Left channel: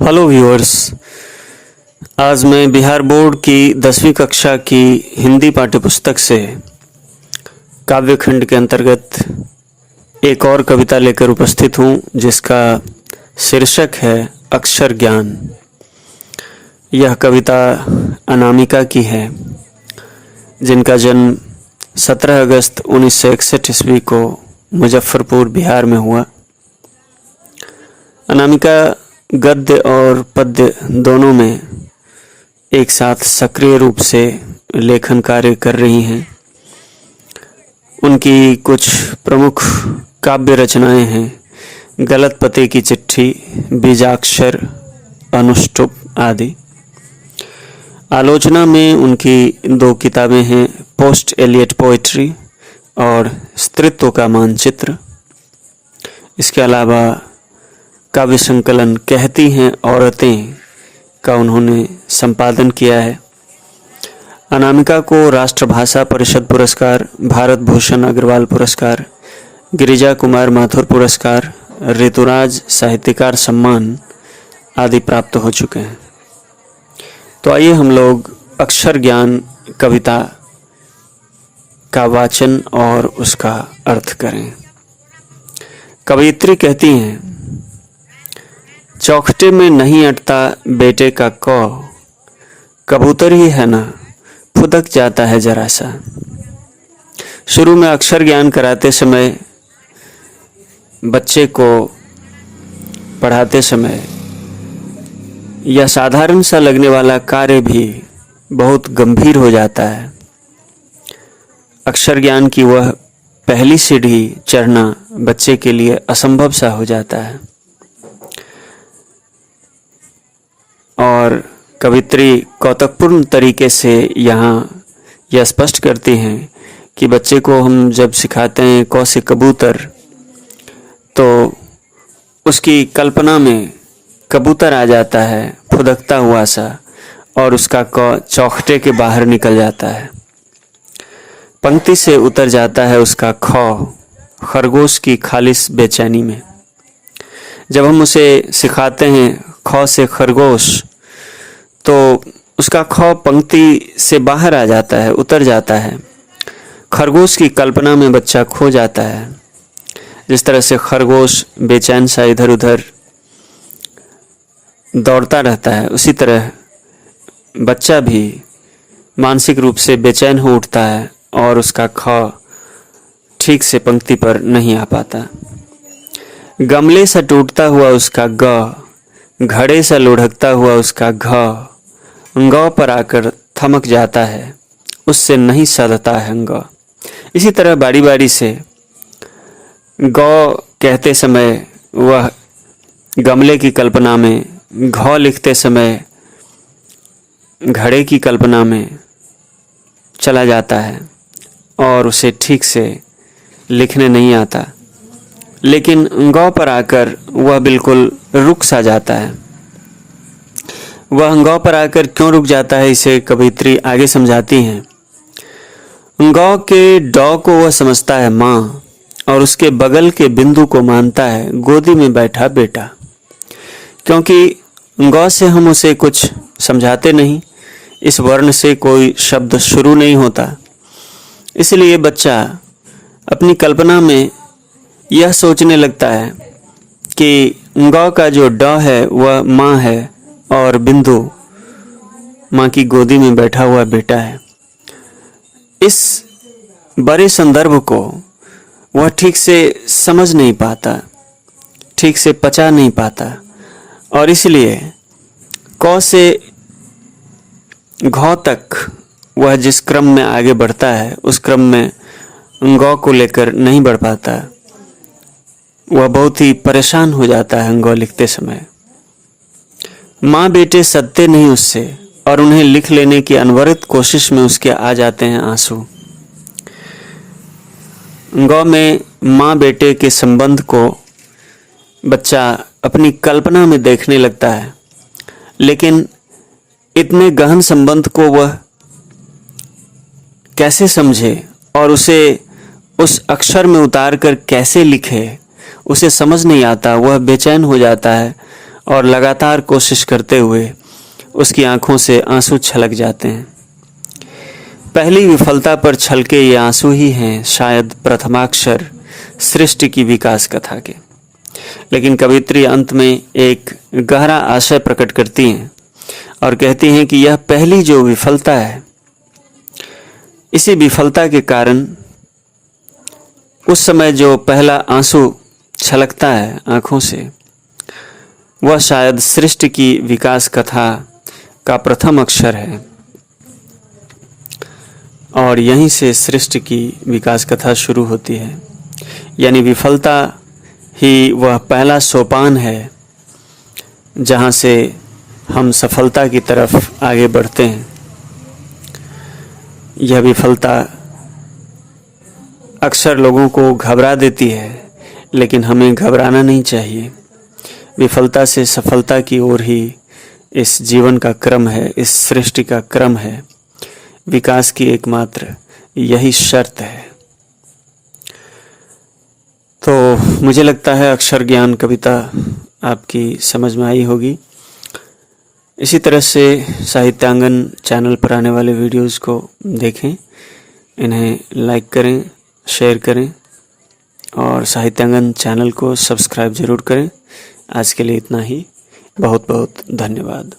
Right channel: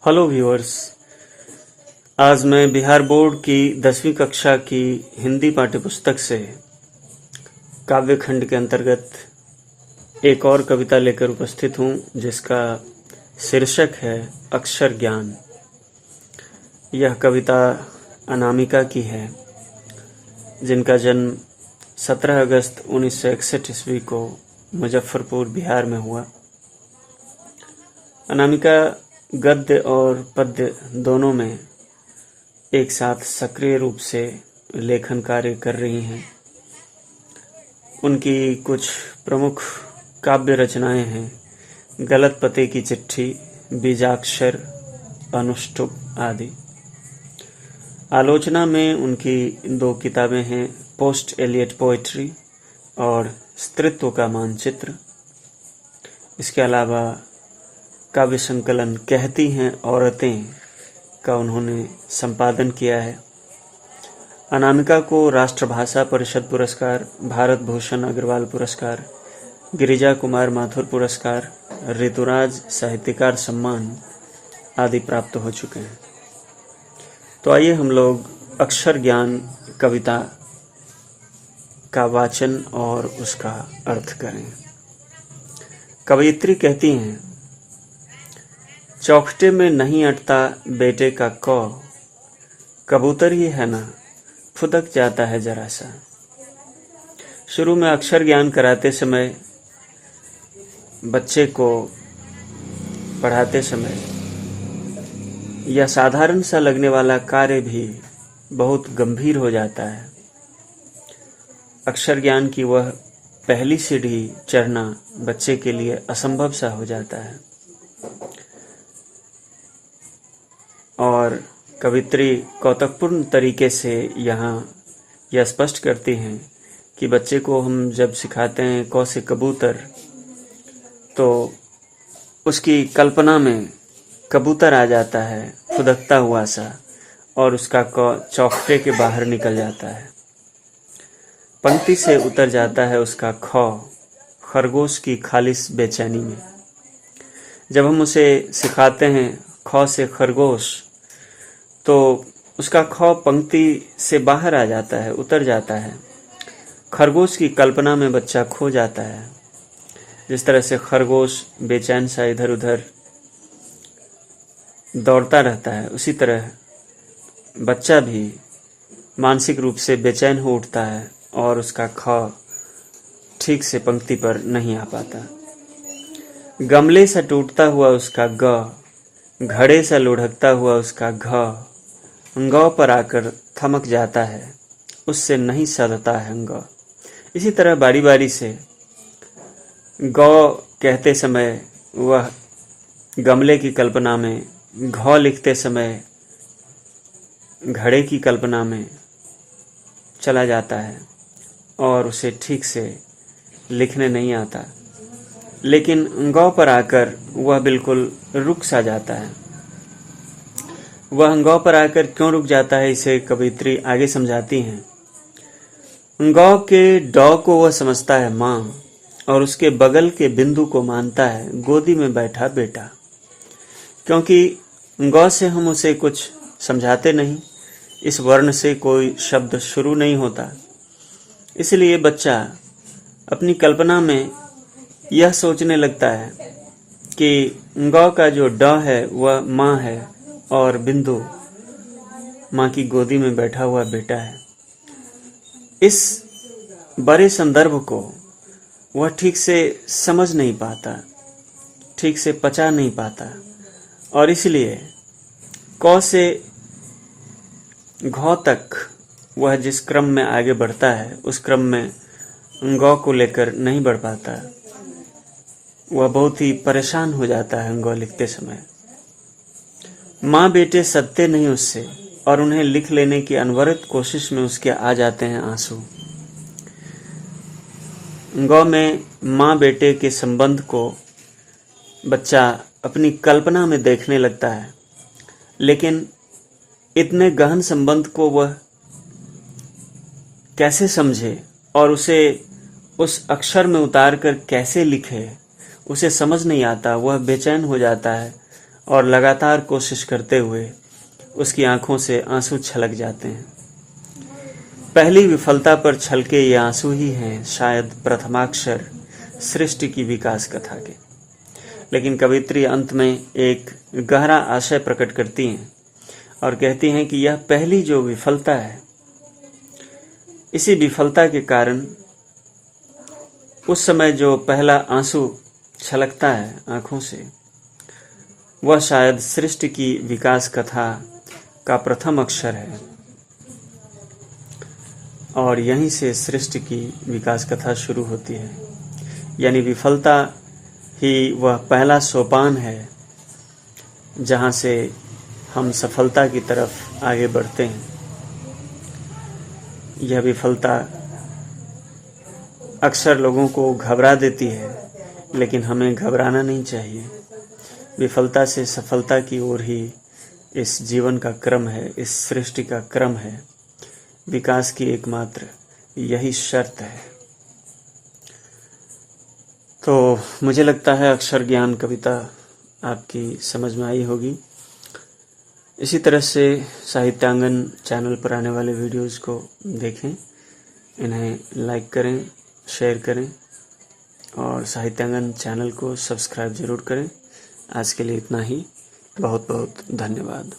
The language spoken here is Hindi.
Hello viewers. आज मैं बिहार बोर्ड की 10वीं कक्षा की हिंदी पाठ्यपुस्तक से काव्यखंड के अंतर्गत एक और कविता लेकर उपस्थित हूँ, जिसका शीर्षक है अक्षर ज्ञान। यह कविता अनामिका की है, जिनका जन्म 17 अगस्त 1961 ईस्वी को मुजफ्फरपुर बिहार में हुआ। अनामिका गद्य और पद्य दोनों में एक साथ सक्रिय रूप से लेखन कार्य कर रही हैं। उनकी कुछ प्रमुख काव्य रचनाएं हैं गलत पते की चिट्ठी, बीजाक्षर, अनुष्टुप आदि। आलोचना में उनकी 2 किताबें हैं, पोस्ट एलियट पोएट्री और स्त्रीत्व का मानचित्र। इसके अलावा काव्य संकलन कहती हैं औरतें का उन्होंने संपादन किया है। अनामिका को राष्ट्रभाषा परिषद पुरस्कार, भारत भूषण अग्रवाल पुरस्कार, गिरिजा कुमार माथुर पुरस्कार, ऋतुराज साहित्यकार सम्मान आदि प्राप्त हो चुके हैं। तो आइए हम लोग अक्षर ज्ञान कविता का वाचन और उसका अर्थ करें। कवयित्री कहती हैं, चौखटे में नहीं अटता बेटे का कौ, कबूतर ही है ना, फुदक जाता है जरा सा। शुरू में अक्षर ज्ञान कराते समय, बच्चे को पढ़ाते समय यह साधारण सा लगने वाला कार्य भी बहुत गंभीर हो जाता है। अक्षर ज्ञान की वह पहली सीढ़ी चढ़ना बच्चे के लिए असंभव सा हो जाता है। और कवित्री कौतुकपूर्ण तरीके से यहाँ यह स्पष्ट करती हैं कि बच्चे को हम जब सिखाते हैं क से कबूतर, तो उसकी कल्पना में कबूतर आ जाता है फुदकता हुआ सा, और उसका क चौखटे के बाहर निकल जाता है, पंक्ति से उतर जाता है उसका ख खरगोश की खालिस बेचैनी में। जब हम उसे सिखाते हैं ख से खरगोश, तो उसका ख पंक्ति से बाहर आ जाता है, उतर जाता है। खरगोश की कल्पना में बच्चा खो जाता है। जिस तरह से खरगोश बेचैन सा इधर उधर दौड़ता रहता है, उसी तरह बच्चा भी मानसिक रूप से बेचैन हो उठता है और उसका ख ठीक से पंक्ति पर नहीं आ पाता। गमले सा टूटता हुआ उसका ग, घड़े सा लुढ़कता हुआ उसका घ, गौ पर आकर थमक जाता है, उससे नहीं सधता है ग। इसी तरह बारी बारी से गौ कहते समय वह गमले की कल्पना में, घ लिखते समय घड़े की कल्पना में चला जाता है और उसे ठीक से लिखने नहीं आता। लेकिन गौ पर आकर वह बिल्कुल रुक सा जाता है। वह गौ पर आकर क्यों रुक जाता है, इसे कवयित्री आगे समझाती हैं। गौ के डॉ को वह समझता है माँ, और उसके बगल के बिंदु को मानता है गोदी में बैठा बेटा। क्योंकि गौ से हम उसे कुछ समझाते नहीं, इस वर्ण से कोई शब्द शुरू नहीं होता, इसलिए बच्चा अपनी कल्पना में यह सोचने लगता है कि गौ का जो ड है वह माँ है और बिंदु माँ की गोदी में बैठा हुआ बेटा है। इस बड़े संदर्भ को वह ठीक से समझ नहीं पाता, ठीक से पचा नहीं पाता, और इसलिए क से घ तक वह जिस क्रम में आगे बढ़ता है, उस क्रम में गौ को लेकर नहीं बढ़ पाता। वह बहुत ही परेशान हो जाता है गौ लिखते समय। माँ बेटे सदते नहीं उससे, और उन्हें लिख लेने की अनवरत कोशिश में उसके आ जाते हैं आंसू। गौ में माँ बेटे के संबंध को बच्चा अपनी कल्पना में देखने लगता है, लेकिन इतने गहन संबंध को वह कैसे समझे और उसे उस अक्षर में उतार कर कैसे लिखे, उसे समझ नहीं आता। वह बेचैन हो जाता है और लगातार कोशिश करते हुए उसकी आंखों से आंसू छलक जाते हैं। पहली विफलता पर छलके ये आंसू ही हैं शायद प्रथमाक्षर सृष्टि की विकास कथा के। लेकिन कवित्री अंत में एक गहरा आशय प्रकट करती हैं और कहती हैं कि यह पहली जो विफलता है, इसी विफलता के कारण उस समय जो पहला आंसू छलकता है आंखों से, वह शायद सृष्टि की विकास कथा का प्रथम अक्षर है और यहीं से सृष्टि की विकास कथा शुरू होती है। यानी विफलता ही वह पहला सोपान है जहाँ से हम सफलता की तरफ आगे बढ़ते हैं। यह विफलता अक्सर लोगों को घबरा देती है, लेकिन हमें घबराना नहीं चाहिए। विफलता से सफलता की ओर ही इस जीवन का क्रम है, इस सृष्टि का क्रम है। विकास की एकमात्र यही शर्त है। तो मुझे लगता है अक्षर ज्ञान कविता आपकी समझ में आई होगी। इसी तरह से साहित्यांगन चैनल पर आने वाले वीडियोस को देखें, इन्हें लाइक करें, शेयर करें और साहित्यांगन चैनल को सब्सक्राइब ज़रूर करें। आज के लिए इतना ही। बहुत बहुत धन्यवाद।